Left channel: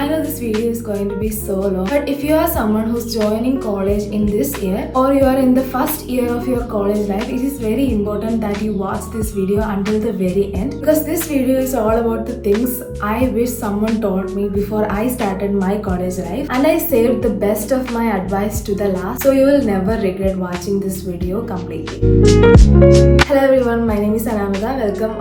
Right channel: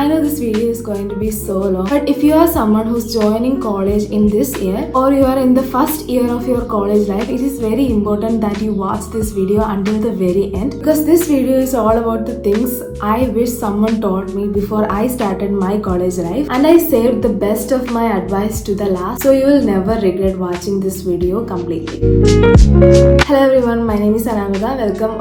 I know this video is going to be so long, but if you are someone who's joining college in this year or you are in the first year of your college life, it is very important that you watch this video until the very end, because this video is all about the things I wish someone told me before I started my college life, and I saved the best of my advice to the last, so you will never regret watching this video completely. Hello everyone, my name is Anamika.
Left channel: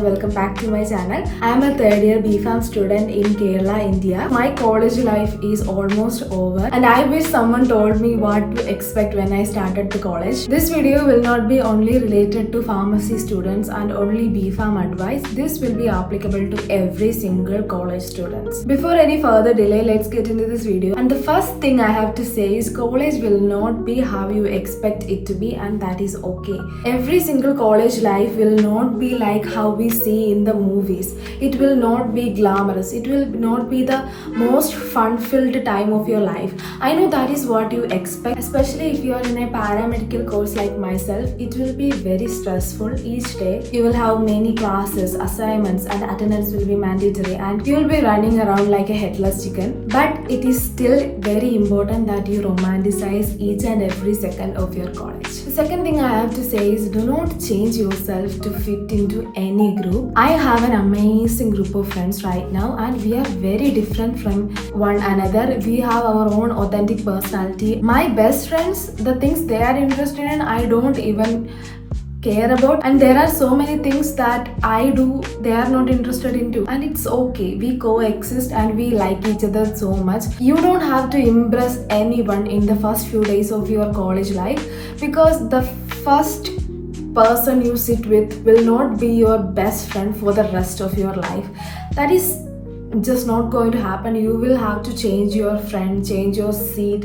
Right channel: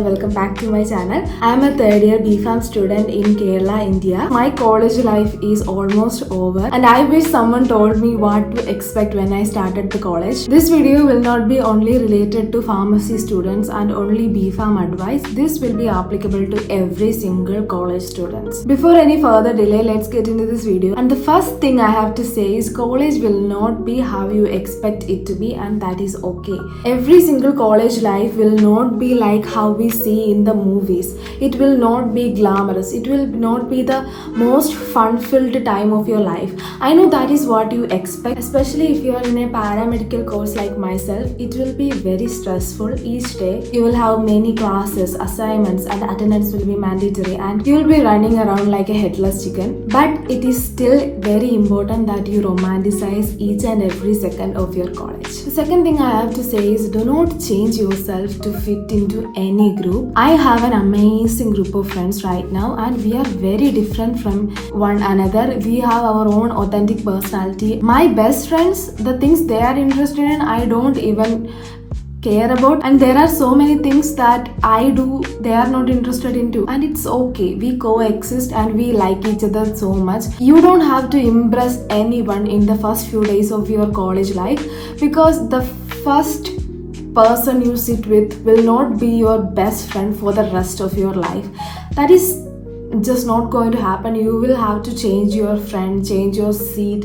Welcome back to my channel. I am a third year BPharm student in Kerala, India. My college life is almost over and I wish someone told me what to expect when I started the college. This video will not be only related to pharmacy students and only BPharm advice. This will be applicable to every single college students. Before any further delay, let's get into this video. And the first thing I have to say is college will not be how you expect it to be, and that is okay. Every single college life will not be like how we see in the movies. It will not be glamorous. It will not be the most fun-filled time of your life. I know that is what you expect, especially if you are in a paramedical course like myself. It will be very stressful each day. You will have many classes, assignments, and attendance will be mandatory, and you will be running around like a headless chicken. But it is still very important that you romanticize each and every second of your college. The second thing I have to say is do not change yourself to fit into any group. I have an amazing group of friends right now, and we are very different from one another. We have our own authentic personality. My best friends, the things they are interested in, I don't even care about, and there are so many things that I do they are not interested into, and it's okay. We coexist and we like each other so much. You don't have to impress anyone in the first few days of your college life, because the first person you sit with will not be your best friend for the rest of your life. That is just not going to happen. You will have to change your friend, change your seat,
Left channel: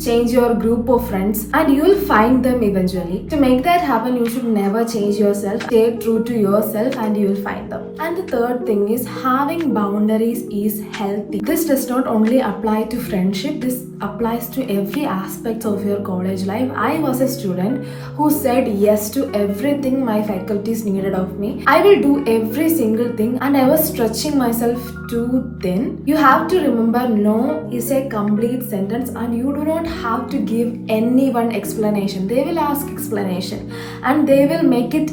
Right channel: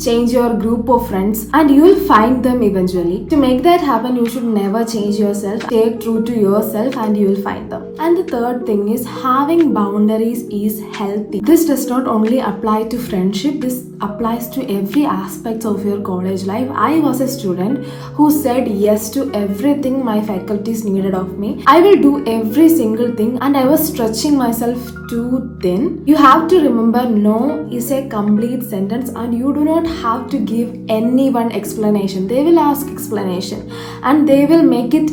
change your group of friends, and you will find them eventually. To make that happen, you should never change yourself. Stay true to yourself and you will find them. And the third thing is having boundaries is healthy. This does not only apply to friendship, this applies to every aspect of your college life. I was a student who said yes to everything my faculties needed of me. I will do every single thing, and I was stretching myself too thin. You have to remember, no is a complete sentence, and you do not have to give anyone explanation. They will ask explanation and they will make it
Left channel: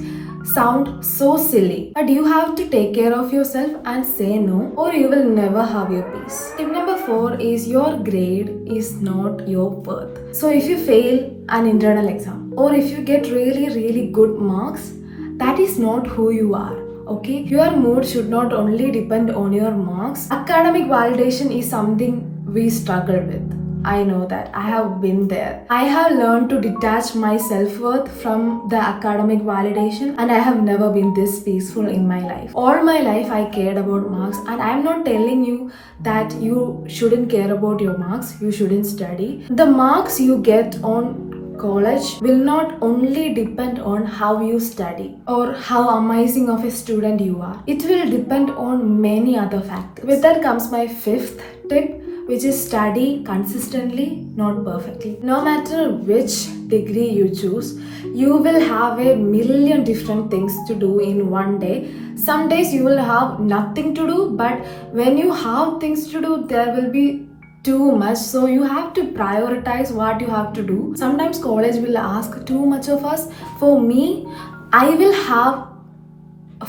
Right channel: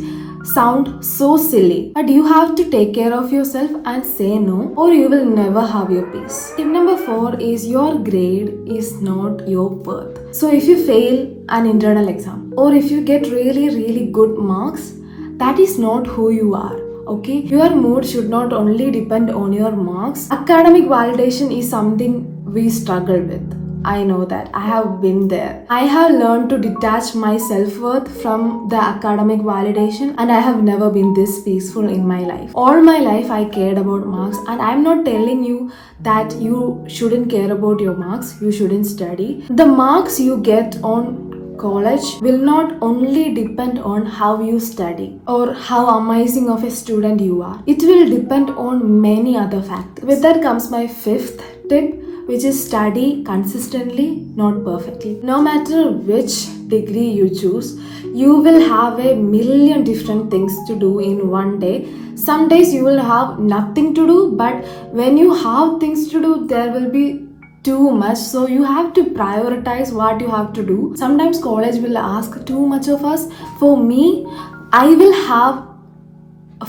sound so silly, but you have to take care of yourself and say no, or you will never have your peace. Tip number 4 is your grade is not your worth. So if you fail an internal exam, or if you get really good marks, that is not who you are. Okay, your mood should not only depend on your marks. Academic validation is something we struggle with. I know that. I have been there. I have learned to detach my self-worth from the academic validation, and I have never been this peaceful in my life. All my life I cared about marks, and I'm not telling you that you shouldn't care about your marks, you shouldn't study. The marks you get on college will not only depend on how you study or how amazing of a student you are. It will depend on many other factors. With that comes my 5th tip, which is study consistently, not perfectly. No matter which degree you choose, you will have a million different things to do in one day. Some days you will have nothing to do, but when you have things to do, there will be too much, so you have to prioritize what you have to do. Sometimes college will ask too much of us. For me, I will have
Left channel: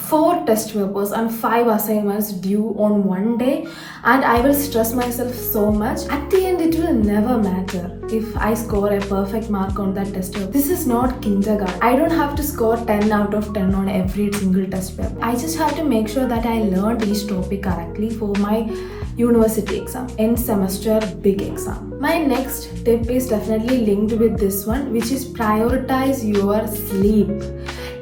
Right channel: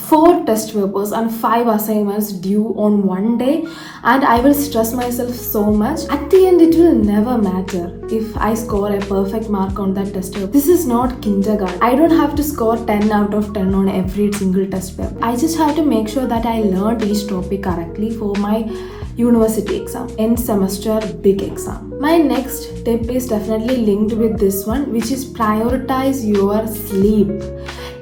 4 test papers and 5 assignments due on one day, and I will stress myself so much. At the end, it will never matter if I score a perfect mark on that test paper. This is not kindergarten. I don't have to score 10 out of 10 on every single test paper. I just have to make sure that I learned each topic correctly for my university exam, end semester big exam. My next tip is definitely linked with this one, which is prioritize your sleep.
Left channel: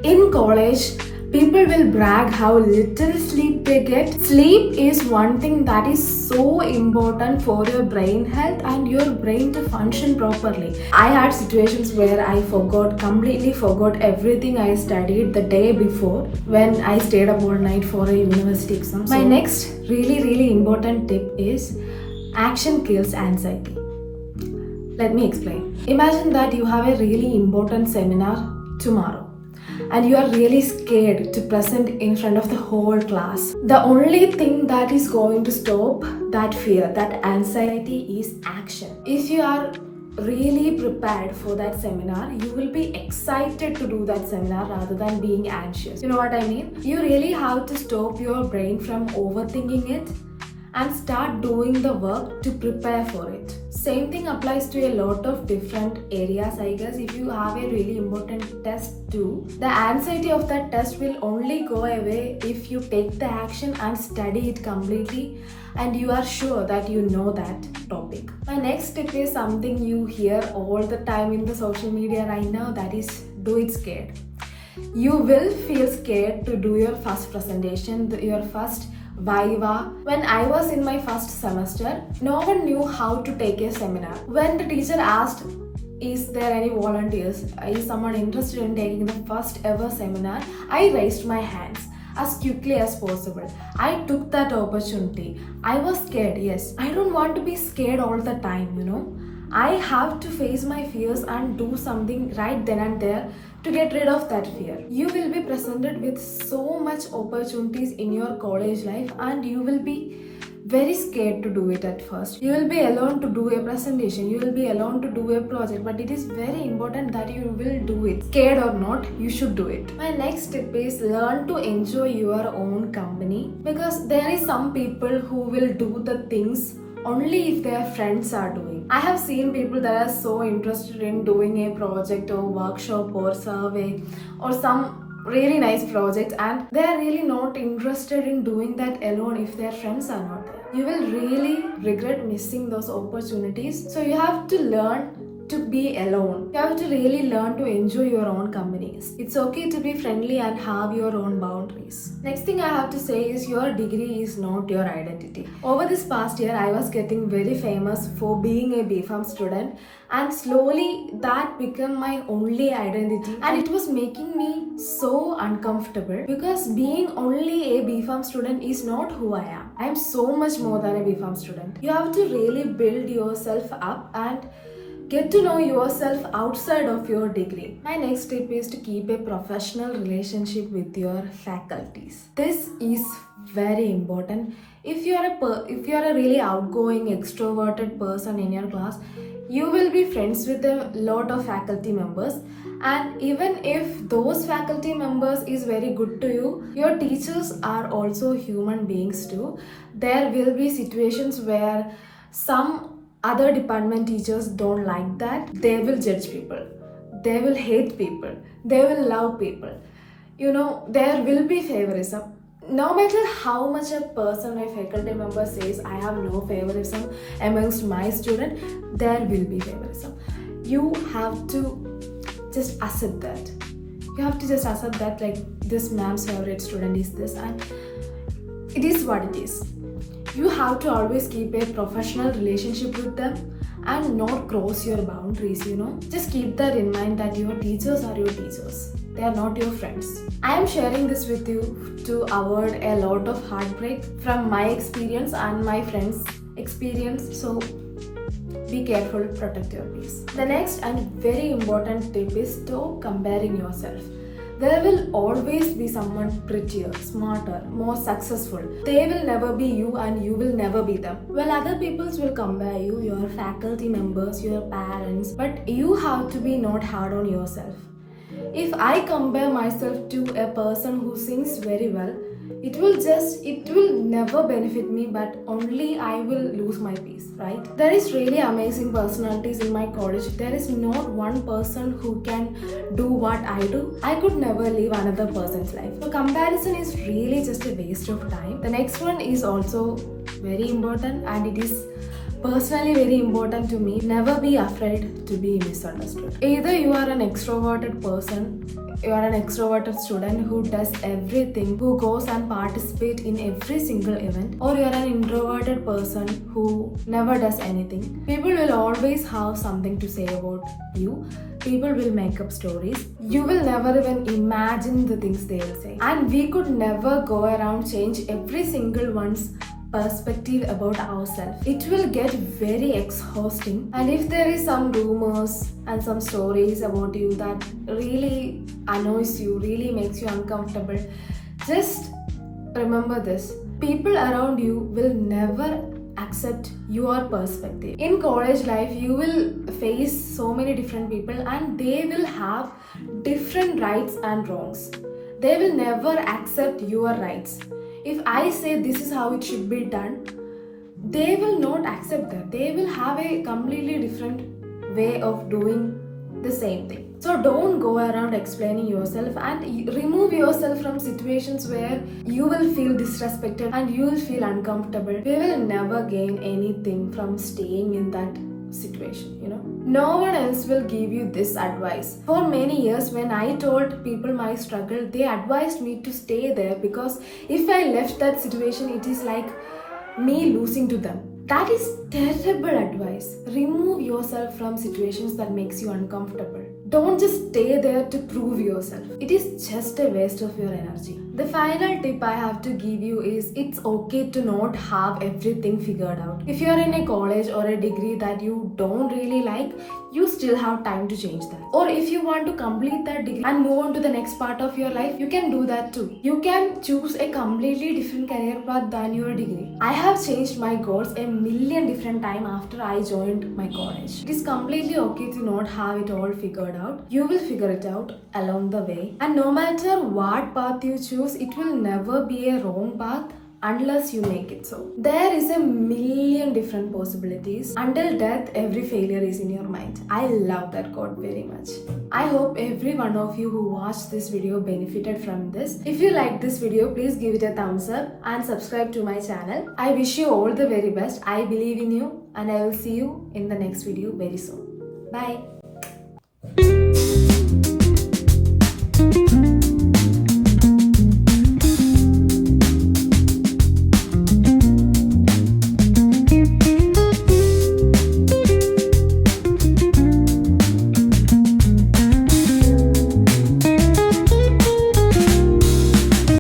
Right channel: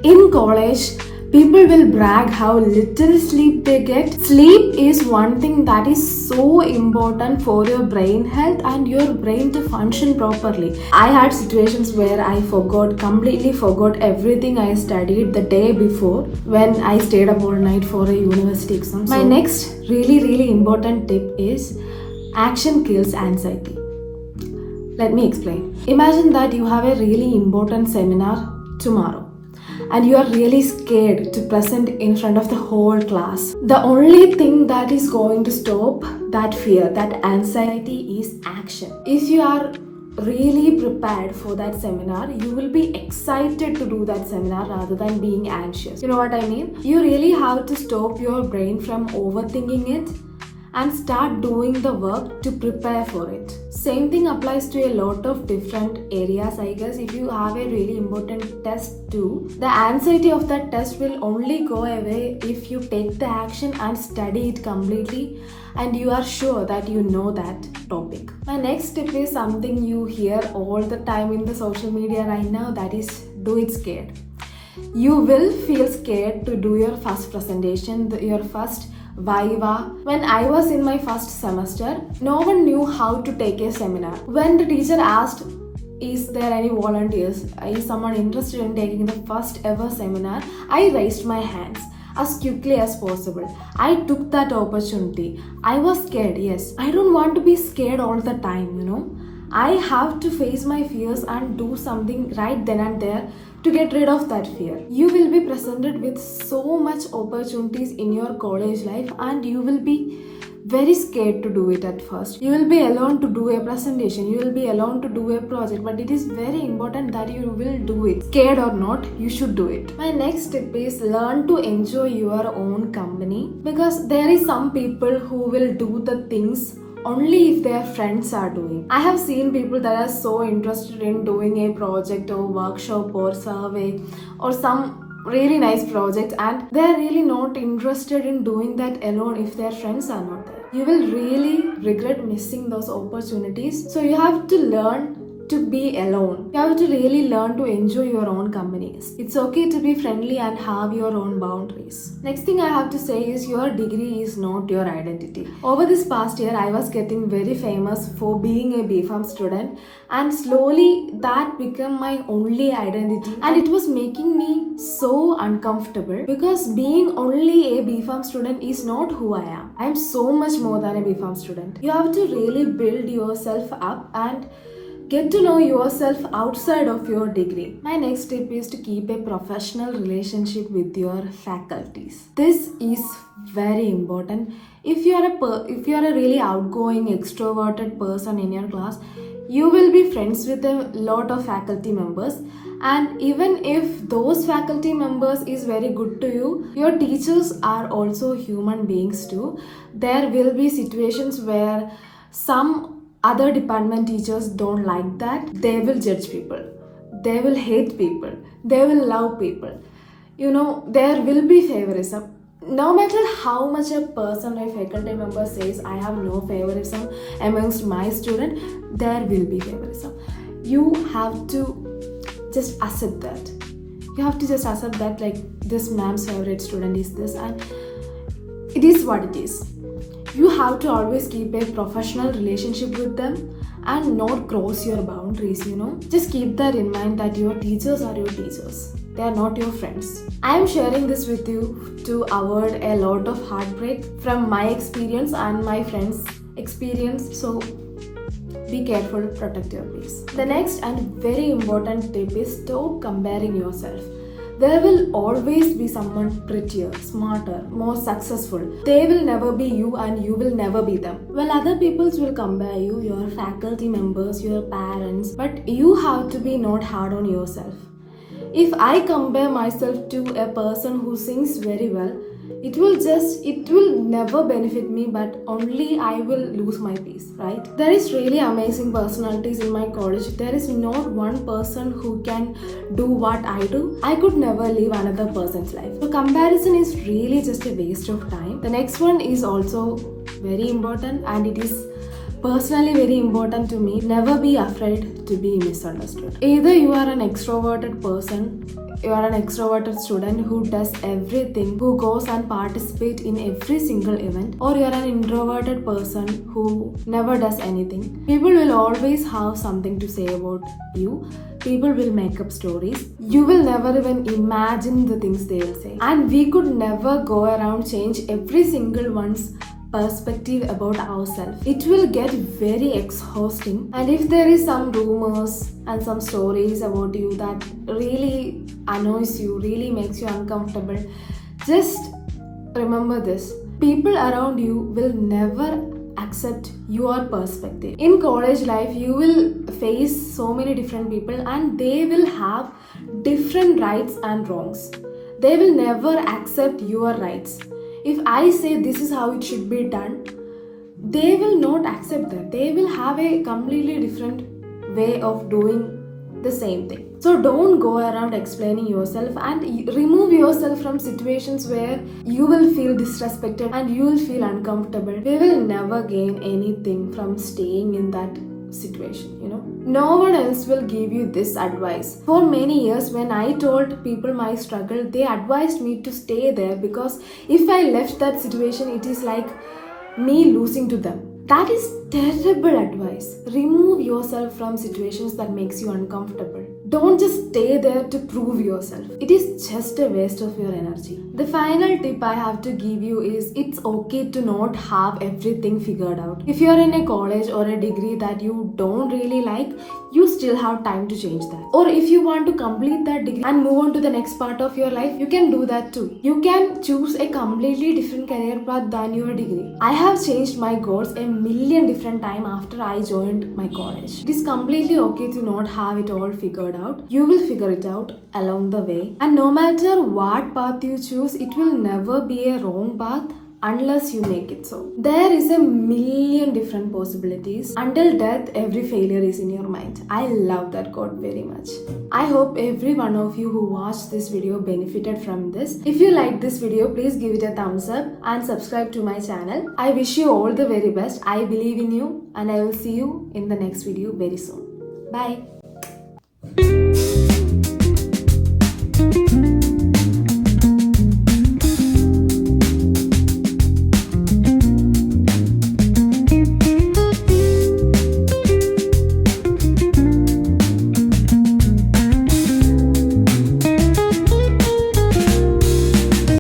In college, people will brag how little sleep they get. Sleep is one thing that is so important for your brain health and your brain to function properly. I had situations where I completely forgot everything I studied the day before when I stayed up all night for a university exam. My next really important tip is action kills anxiety. Let me explain. Imagine that you have a really important seminar tomorrow. and you are really scared to present in front of the whole class. The only thing that is going to stop that fear, that anxiety, is action. If you are really prepared for that seminar, you will be excited to do that seminar rather than being anxious. You know what I mean? You really have to stop your brain from overthinking it and start doing the work to prepare for it. Same thing applies to a lot of different areas, I guess. If you have a really important test too, the anxiety of that test will only go away if you take the action and study it completely and you are sure that you know that topic. My next tip is something you hear all the time in the social media right now, that is, do it scared. You will feel scared to do your first presentation, your first Viva. When I was in my first semester, no one knew how to take a seminar. When the teacher asked, is there any volunteers? Is someone interested in taking the first ever seminar? I raised my hands as quickly as possible. I took that opportunity. I was scared, yes. I don't want to be scared all the time, you know. I have to face my fears and do something right then and there to get rid of that fear. You will be presented with so much opportunities in your college life and you will be very scared to do it at first. You will be alone to do a presentation, you will be alone to do a project, but it is very important that you will do it. Scared or not, you should do it. My next tip is learn to enjoy your own company, because there is some people who will do the things only if their friends are doing. I have seen people that are so interested in doing a project or workshop or survey or some really nice project, and they are really not interested in doing that alone if their friends are not there. You will really regret missing those opportunities. So you have to learn to be alone. You have to really learn to enjoy your own companies. It's okay to be friendly and have your own boundaries. Next thing I have to say is your degree is not your identity. Over this past year, I was getting very famous for being a BPharm student, and slowly that became my only identity, and it was making me so uncomfortable because being only a BPharm student is not who I am. I am so much more than a BPharm student. You have to really build yourself up and get to know yourself outside of your degree. My next tip is to keep a professional relationship with your faculties. This is very important. If you are a really outgoing, extroverted person in your class, you will be friends with a lot of faculty members. And even if those faculty members is very good to you, your teachers are also human beings too. There will be situations where some other department teachers don't like that. They will judge people. They will hate people. They will love people. You know, there will be favorism. No matter how much a person or faculty member says, I have no favoritism amongst my student, there will be favorism. You have to just accept that. You have to just accept that, like, this ma'am's favorite student is this, and it is what it is. You have to always keep a professional relationship with them and not cross your boundaries, you know. Just keep that in mind that your teachers are your teachers. They are not your friends. I am sharing this with you to avoid a lot of heartbreak from my experience and my friends' experience. So be careful, protect your peace. The next and very important tip is stop comparing yourself. There will always be someone prettier, smarter, more successful. They will never be you and you will never be them. Well, other peoples will compare you, your faculty members, your parents, but you have to be not hard on yourself. If I compare myself to a person who sings very well, it will never benefit me, but only I will lose my peace, right? There is really amazing personalities in my college. There is not one person who can do what I do. I could never live another person's life. So comparison is really just a waste of time. The next one is also very important, and it is personally very important to me. Never be afraid to be misunderstood. Either you are an extroverted person, you are an extroverted student who does everything, who goes and participate in every single event, or you are an introverted person who never does anything. People will always have something to say about you. People will make up stories. You will never even imagine the things they will say. And we could never go around change every single one's perspective about ourselves. It will get very exhausting, and if there is some rumors and some stories about you that really annoys you, really makes you uncomfortable, just remember this: people around you will never accept your perspective. In college life, you will face so many different people, and they will have different rights and wrongs. They will never accept your rights. If I say this is how it should be done, they will not accept that. They will have a completely different way of doing the same thing. So don't go around explaining yourself, and remove yourself from situations where you will feel disrespected and you will feel uncomfortable. We will never gain anything from staying in that situation, you know. No one else will give you this advice. For many years, when I told people my struggle, they advised me to stay there, because if I left that situation, it is like me losing to them. That is terrible advice. Remove yourself from situations that makes you uncomfortable. Don't just stay there to prove yourself. It is just a waste of your energy. The final tip I have to give you is, it's okay to not have everything figured out. If you are in a college or a degree that you don't really like, you still have time to change that. Or if you want to complete that degree and move on to the next part of your life, you can do that too. You can choose a completely different career path than your degree. I have changed my goals a million different times after I joined my college. It is completely okay to not have it all figured out. You will figure it out along the way. And no matter what path you choose, it will never be a wrong path unless you make it so. There is a million different possibilities. Until death, every failure is in your mind. I love that quote very much. I hope every one of you who watched this video benefited from this. If you like this video, please give it a thumbs up and subscribe to my channel. I wish you all the very best. I believe in you, and I will see you in the next video very soon. Bye.